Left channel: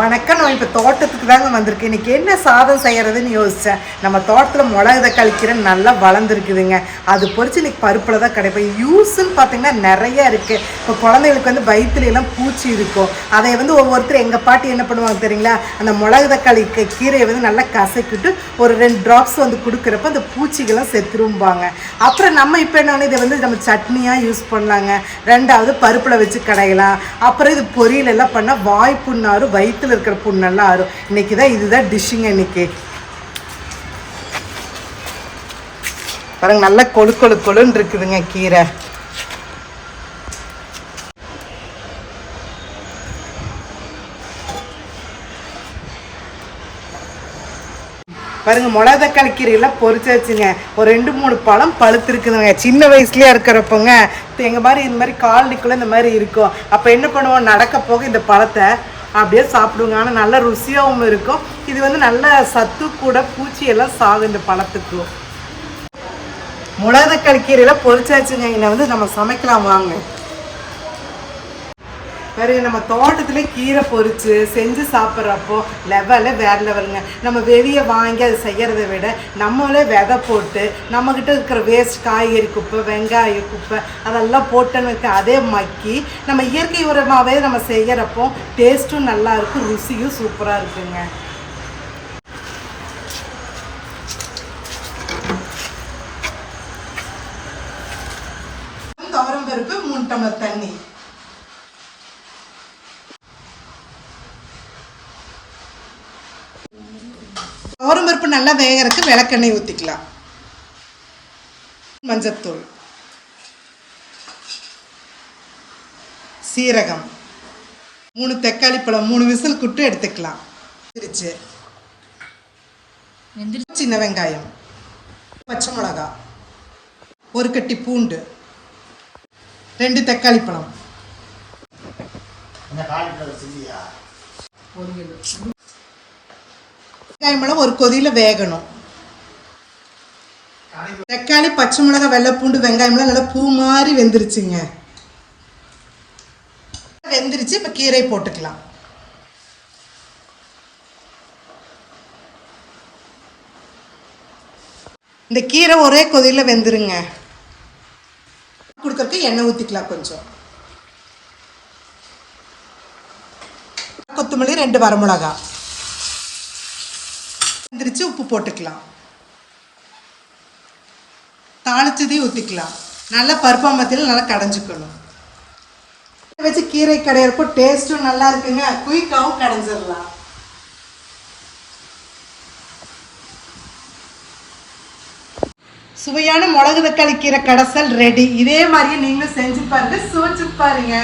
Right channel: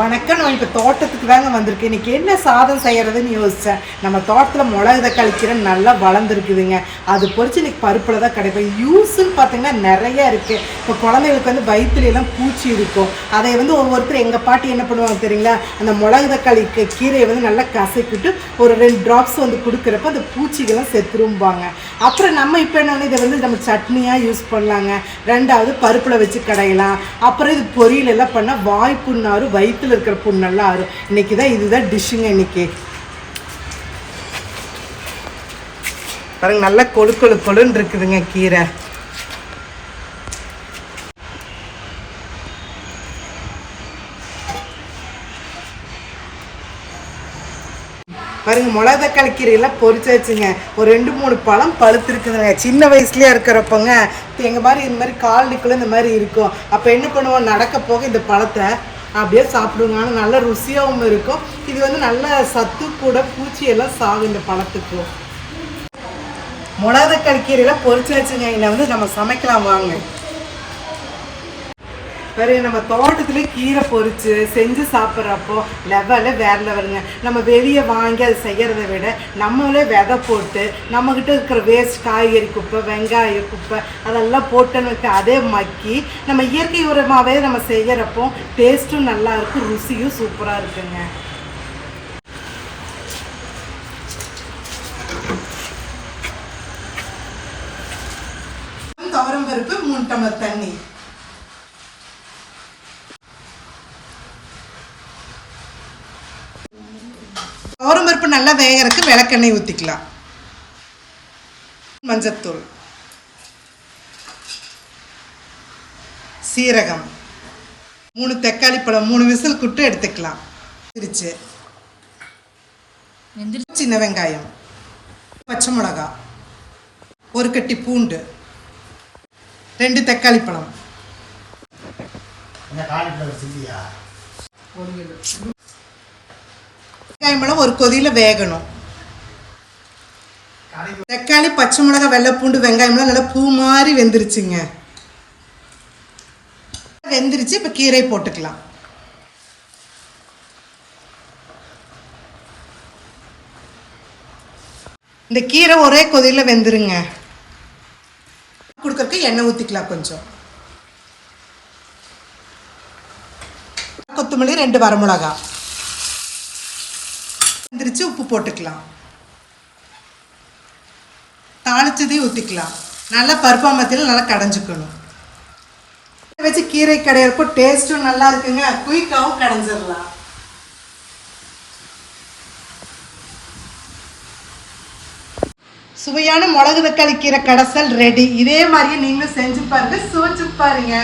வணக்கம். நான் இப்போ தோட்டத்துக்கு தாங்க வந்திருக்கேன். இன்றைக்கி என்ன சாதம் செய்கிறதுன்னு யோசித்தேன். நம்ம தோட்டத்தில் மிளகு தக்காளி கீரை நல்லா வளர்ந்துருக்குதுங்க. அது பொறிச்சு இன்றைக்கி பருப்பில் தான் கிடைப்பேன். யூஸ்ன்னு பார்த்திங்கன்னா நிறையா இருக்குது. இப்போ குழந்தைகளுக்கு வந்து வயிற்றுலாம் பூச்சி இருக்கும். அதை வந்து ஒவ்வொருத்தர் எங்கள் பாட்டி என்ன பண்ணுவாங்க தெரியுங்களா, அந்த மிளகு தக்காளி கீரையை வந்து நல்லா கசக்கிட்டு ஒரு 2 ட்ராப்ஸ் வந்து கொடுக்குறப்ப அந்த பூச்சிகள்லாம் செத்துரும்பாங்க. அப்புறம் நம்ம இப்போ என்னென்னா இதை வந்து நம்ம சட்னியாக யூஸ் பண்ணலாங்க. 2வது பருப்பில் வச்சு கடையலாம். அப்புறம் இது பொரியலெல்லாம் பண்ணால் வாய் புண்ணாரும் வயிற்று இருக்கிற புண்ணெல்லாம் ஆறும். இன்னைக்கு தான் இதுதான் டிஷ்ஷுங்க. இன்னைக்கு பாருங்க, நல்லா கொழுன்னு இருக்குதுங்க கீரை. பாருங்க, மிளகு தக்காளி கீரையெல்லாம் பொறிச்சு வச்சுங்க. ஒரு 2-3 பழம் பழுத்திருக்குதுங்க. சின்ன வயசுலயே இருக்கிறப்பங்க எங்கள் மாதிரி இந்த மாதிரி காலனிக்குள்ளே இந்த மாதிரி இருக்கும். அப்போ என்ன பண்ணுவோம், நடக்க போக இந்த பழத்தை அப்படியே சாப்பிடுவோங்க. ஆனால் நல்ல ருசியாகவும் இருக்கும். இது வந்து நல்ல சத்து கூட, பூச்சியெல்லாம் சாகும் இந்த பழத்துக்கு. மிளகு தக்காளி கீரையெல்லாம் பொறிச்சாச்சுங்க. இதை வந்து நம்ம சமைக்கலாம் வாங்க. பாருங்க, நம்ம தோட்டத்துல கீரை பொறிச்சு செஞ்சு சாப்பிட்றப்போ வேற லெவலுங்க. நம்ம வெளியே வாங்கி அதை செய்கிறத விட நம்மளே விதை போட்டு நம்மக்கிட்ட இருக்கிற வேஸ்ட் காய்கறி குப்பை, வெங்காய குப்பை அதெல்லாம் போட்டோன்னு வைக்க அதே மக்கி நம்ம இயற்கை உரமாகவே நம்ம செய்கிறப்போ டேஸ்ட்டும் நல்லா இருக்கும், ருசியும் சூப்பராக இருக்குங்க. துவரம் பருப்பு 3 டம்ளர் தண்ணி, துவரம் பருப்பு நல்லா வேகறதுக்கு விளக்கெண்ணெய் ஊற்றிக்கலாம். மஞ்சத்தூள், சீரகம், 3 தக்காளி பழம் 3 விசில் குட்டு எடுத்துக்கலாம். சின்ன வெங்காயம், பச்சை மிளகா, 1 கட்டி பூண்டு, 2 தக்காளி பழம், வெங்காயம் 1 கொதியில வேகணும். தக்காளி, பச்சை மிளகா, வெள்ளை பூண்டு, வெங்காயம்லாம் நல்லா பூ மாதிரி வெந்துருச்சுங்க. வெந்துருச்சு. இப்போ கீரை போட்டுக்கலாம். இந்த கீரை ஒரே கொதியில வெந்துருங்க. கொடுக்கறதுக்கு எண்ணெய் ஊற்றிக்கலாம் கொஞ்சம். கொத்தமல்லி, 2 வரமிளகா, உப்பு போட்டுக்கலாம். தாளிச்சதையும் ஊற்றிக்கலாம். நல்லா பருப்பாமத்தில் நல்லா கடைஞ்சிக்கணும். வச்சு கீரை கடையிறப்போ டேஸ்ட்டும் நல்லா இருக்குங்க. குயிக்காவும் கடைஞ்சிடலாம். சுவையான மிளகு தக்காளி கீரை கடைசல் ரெடி. இதே மாதிரியே நீங்களும் செஞ்சு பாருங்க, சுவைச்சு பாருங்க.